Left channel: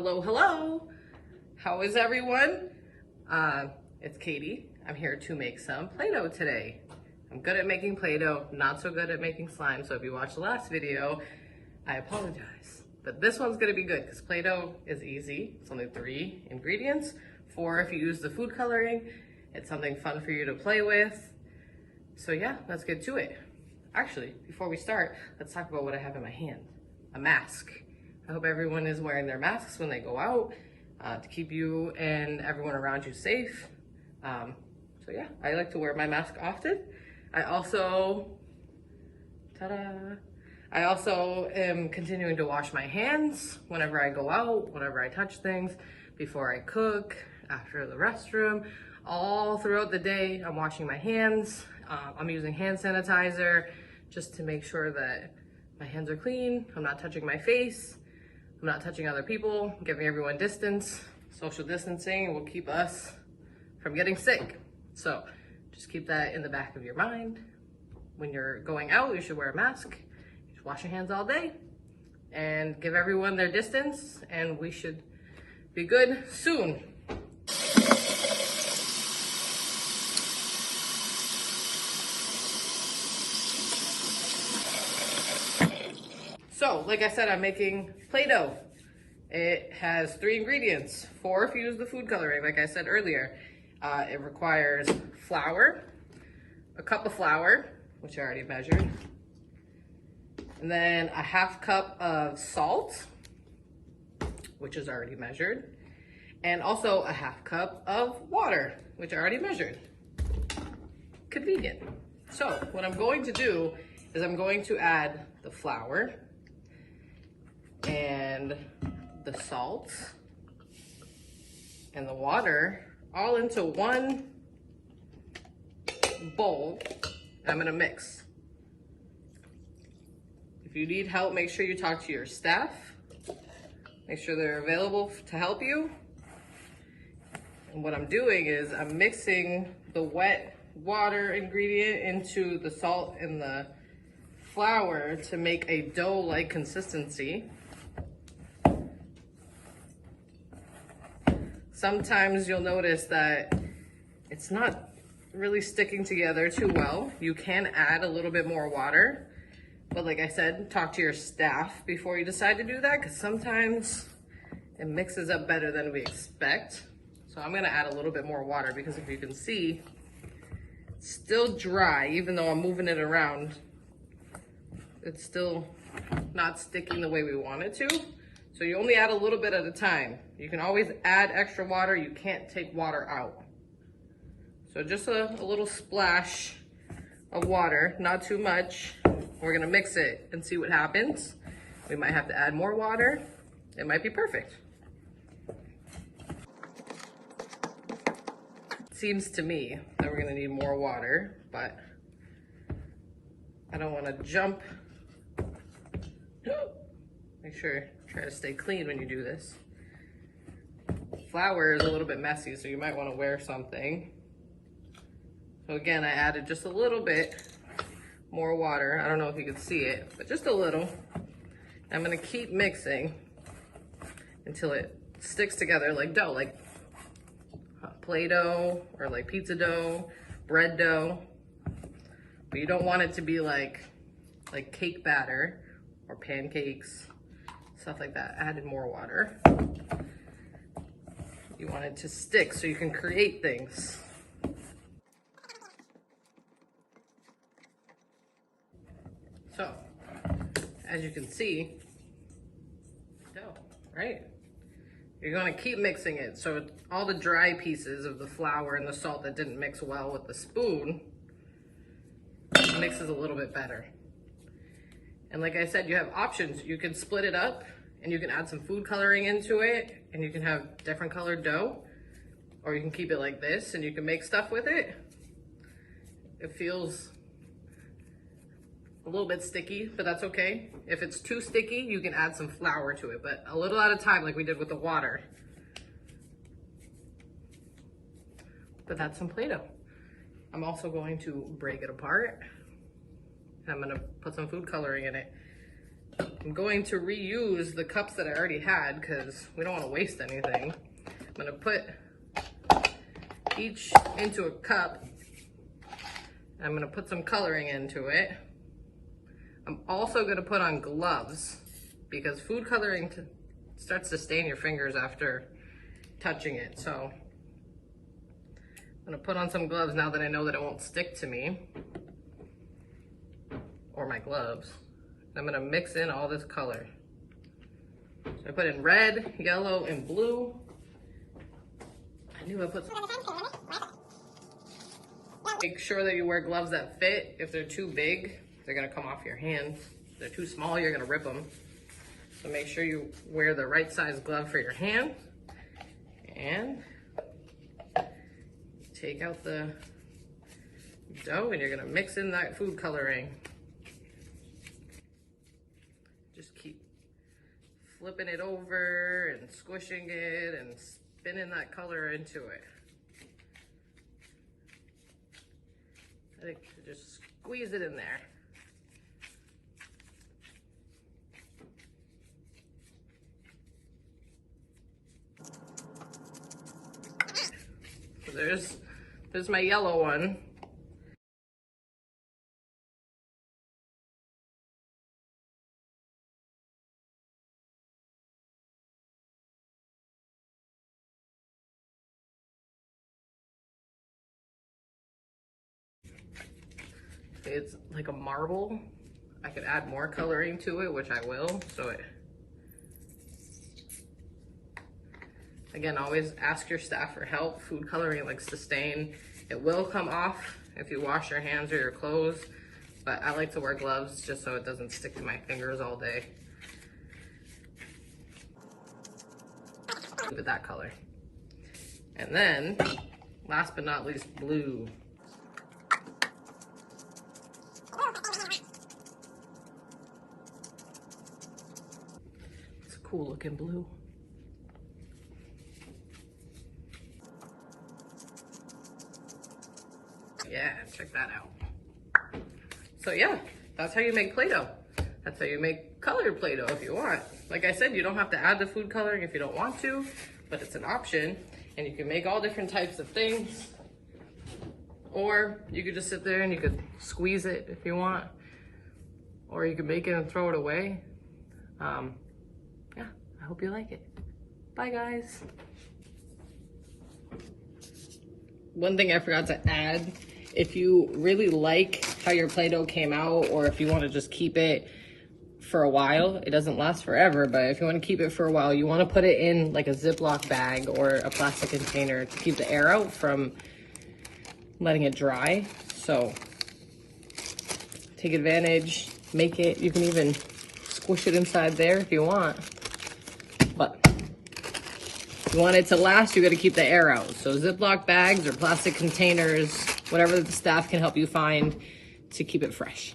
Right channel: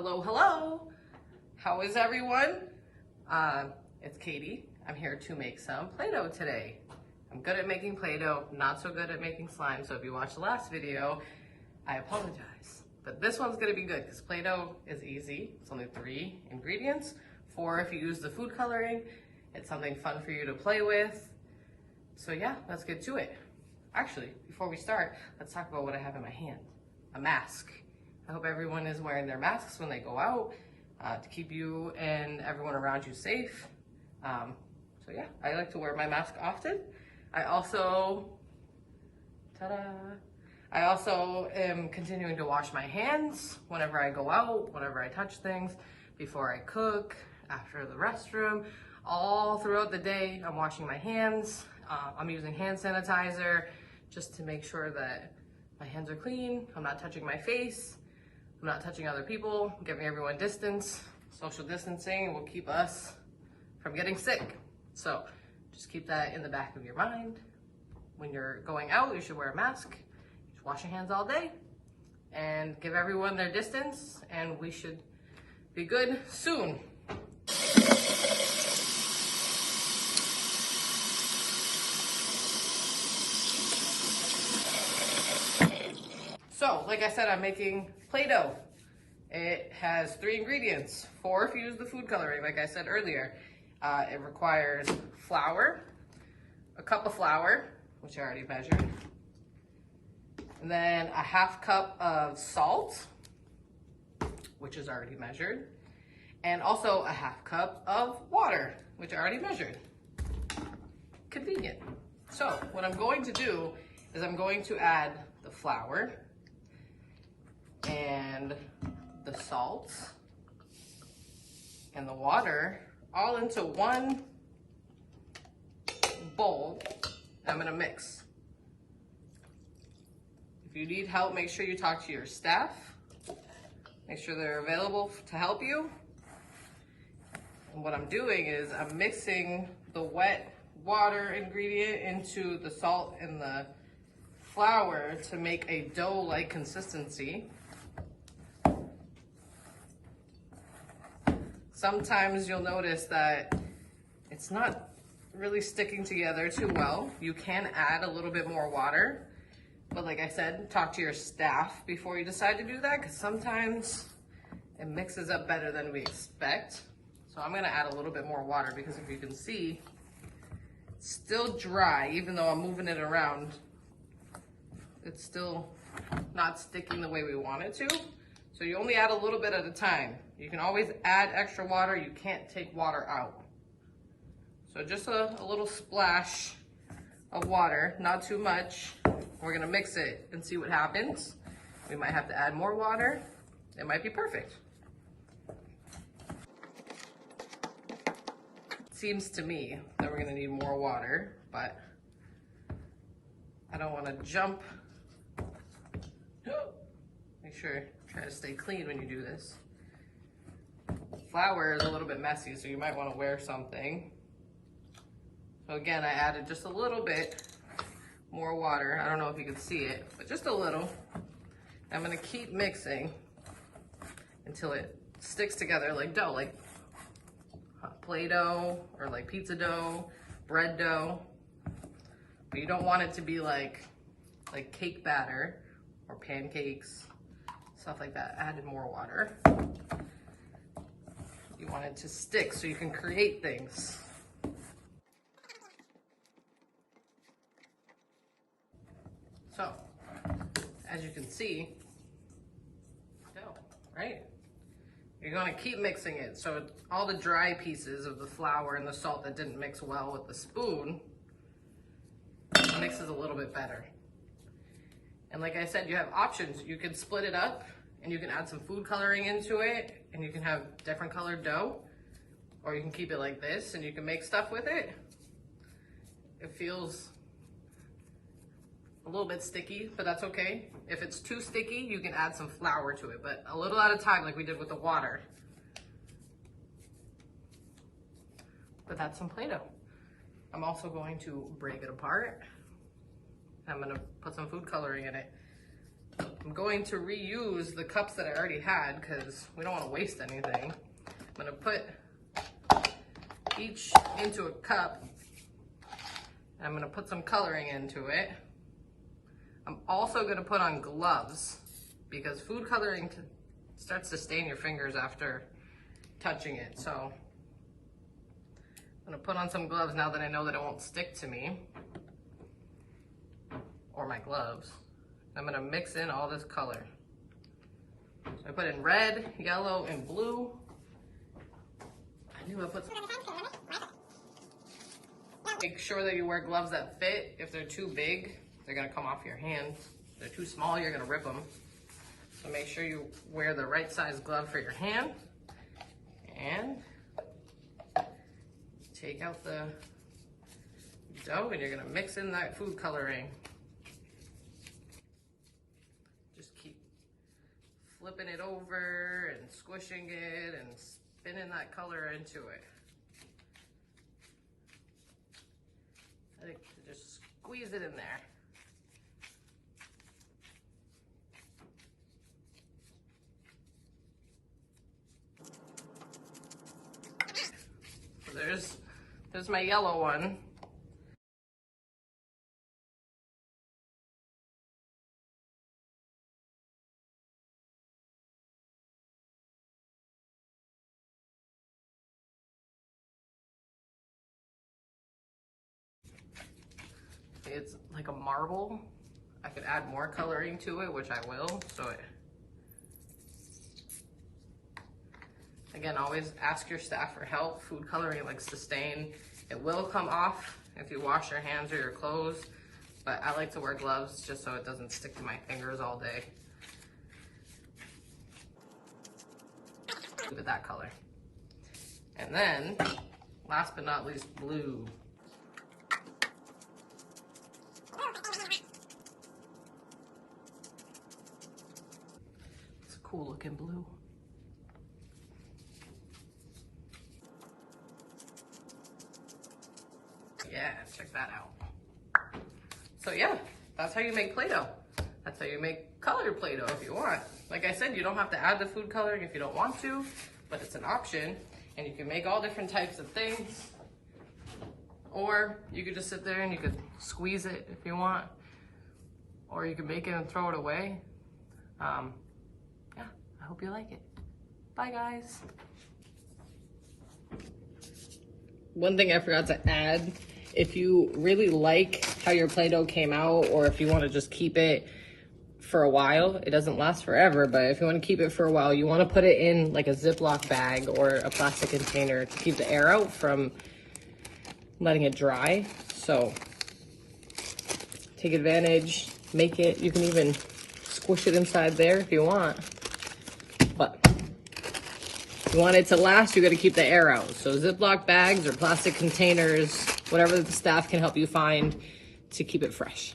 Hello, hello. How is everyone? It's Katie. I'm here to make some Play-Doh today. I'm good at making Play-Doh, not so good at making slime. So if you watched the last video, I apologize. But this one's gonna be good because Play-Doh is easy. It's only 3 ingredients. 4 if you use the food coloring. It's something fun for you to play with. So yeah, let's get to it. Actually, before we start, let's talk about what I have in my hand. A mask. I hope everyone is wearing their masks when they go out to keep you and everyone around you safe. So yeah, I like to wear my mask often. I also am continuing to wash my hands whenever I go out, whenever I touch things, before I cook, after the restroom. All throughout the day, I'm washing my hands. I'm using hand sanitizer just to make sure that my hands are clean. I'm not touching my face. I'm not touching other people, giving everyone distance. Social distancing will keep us from getting sick. So just keep that in the back of your mind. When you're going out, you should wear a mask. You should wash your hands all day and give everyone their distance, and we should be good soon. So, like I said, I'm making Play-Doh. It has 3 ingredients, 4 if you use the food coloring, like I said earlier. It requires flour, a cup of flour, which I already measured, and then a 1/2 cup of salt, which is already measured, and also a 1/2 cup of water, which I already measured. Convenient. So, what I'm going to do is I'm going to add the flour and the salt and the water all into one bowl. I'm gonna mix. If you need help, make sure you talk to your staff. Make sure they're available to help you. And what I'm doing is I'm mixing the wet water ingredient into the salt and the flour to make a dough-like consistency. Sometimes you'll notice that it's not really sticking together too well. You can add a little bit more water, but like I said, talk to your staff before you decide to do that, because sometimes it mixes up better than we expect. So I'm gonna add a little bit more water because if you can see, it's still dry, even though I'm moving it around. It's still not sticking the way we want it to. So you only add a little bit at a time. You can always add extra water. You can't take water out. So just a little splash of water, not too much. We're gonna mix it and see what happens. We might have to add more water. It might be perfect. It seems to me that we're gonna need more water, but I don't wanna jump. Make sure, try to stay clean when you do this. Flour is a little bit messy, so you might want to wear something. So again, I added just a little bit more water. I don't know if you can see it, but just a little. I'm gonna keep mixing until it sticks together like dough, like Play-Doh or like pizza dough, bread dough. But you don't want it to be like cake batter or pancakes, stuff like that. Added more water. You want it to stick so you can create things. So, as you can see, dough, right? You're gonna keep mixing it. So all the dry pieces of the flour and the salt that didn't mix well with the spoon mixes a little bit better. And like I said, you have options. You can split it up and you can add some food coloring into it and you can have different colored dough, or you can keep it like this and you can make stuff with it. It feels a little bit sticky, but that's okay. If it's too sticky, you can add some flour to it, but a little at a time like we did with the water. But that's some Play-Doh. I'm also going to break it apart. I'm gonna put some food coloring in it. I'm going to reuse the cups that I already had because we don't want to waste anything. I'm going to put each into a cup. I'm going to put some coloring into it. I'm also going to put on gloves because food coloring starts to stain your fingers after touching it. So I'm going to put on some gloves now that I know that it won't stick to me or my gloves. I'm going to mix in all this color. So I put in red, yellow, and blue. I knew I put some. Make sure that you wear gloves that fit. If they're too big, they're gonna come off your hands. If they're too small, you're gonna rip them. So make sure you wear the right size glove for your hand. And take out the dough and you're gonna mix in that food coloring. Just keep flipping it over and squishing it and spinning that color into it. I think just squeeze it in there. So there's my yellow one. It's like a marble. I could add more coloring to it, which I will. So again, always ask your staff for help. Food coloring likes to stain. It will come off if you wash your hands or your clothes, but I like to wear gloves just so it doesn't stick to my fingers all day. Look at that color. And then, last but not least, blue. It's a cool looking blue. Yeah, check that out. So yeah, that's how you make Play-Doh. That's how you make colored Play-Doh if you want. Like I said, you don't have to add the food coloring if you don't want to, but it's an option. And you can make all different types of things. Or you could just sit there and you could squeeze it if you want. Or you can make it and throw it away. Yeah, I hope you like it. Bye guys. One thing I forgot to add, if you really like how your Play-Doh came out, or if you want to just keep it for a while, it doesn't last forever, but if you want to keep it for a while, you want to put it in like a Ziploc bag or a plastic container to keep the air out from letting it dry. So take advantage, make it, you can even squish it inside there if you want, but if you want it to last, you got to keep the air out. So Ziploc bags or plastic containers, whatever the staff can help you find to keep it fresh.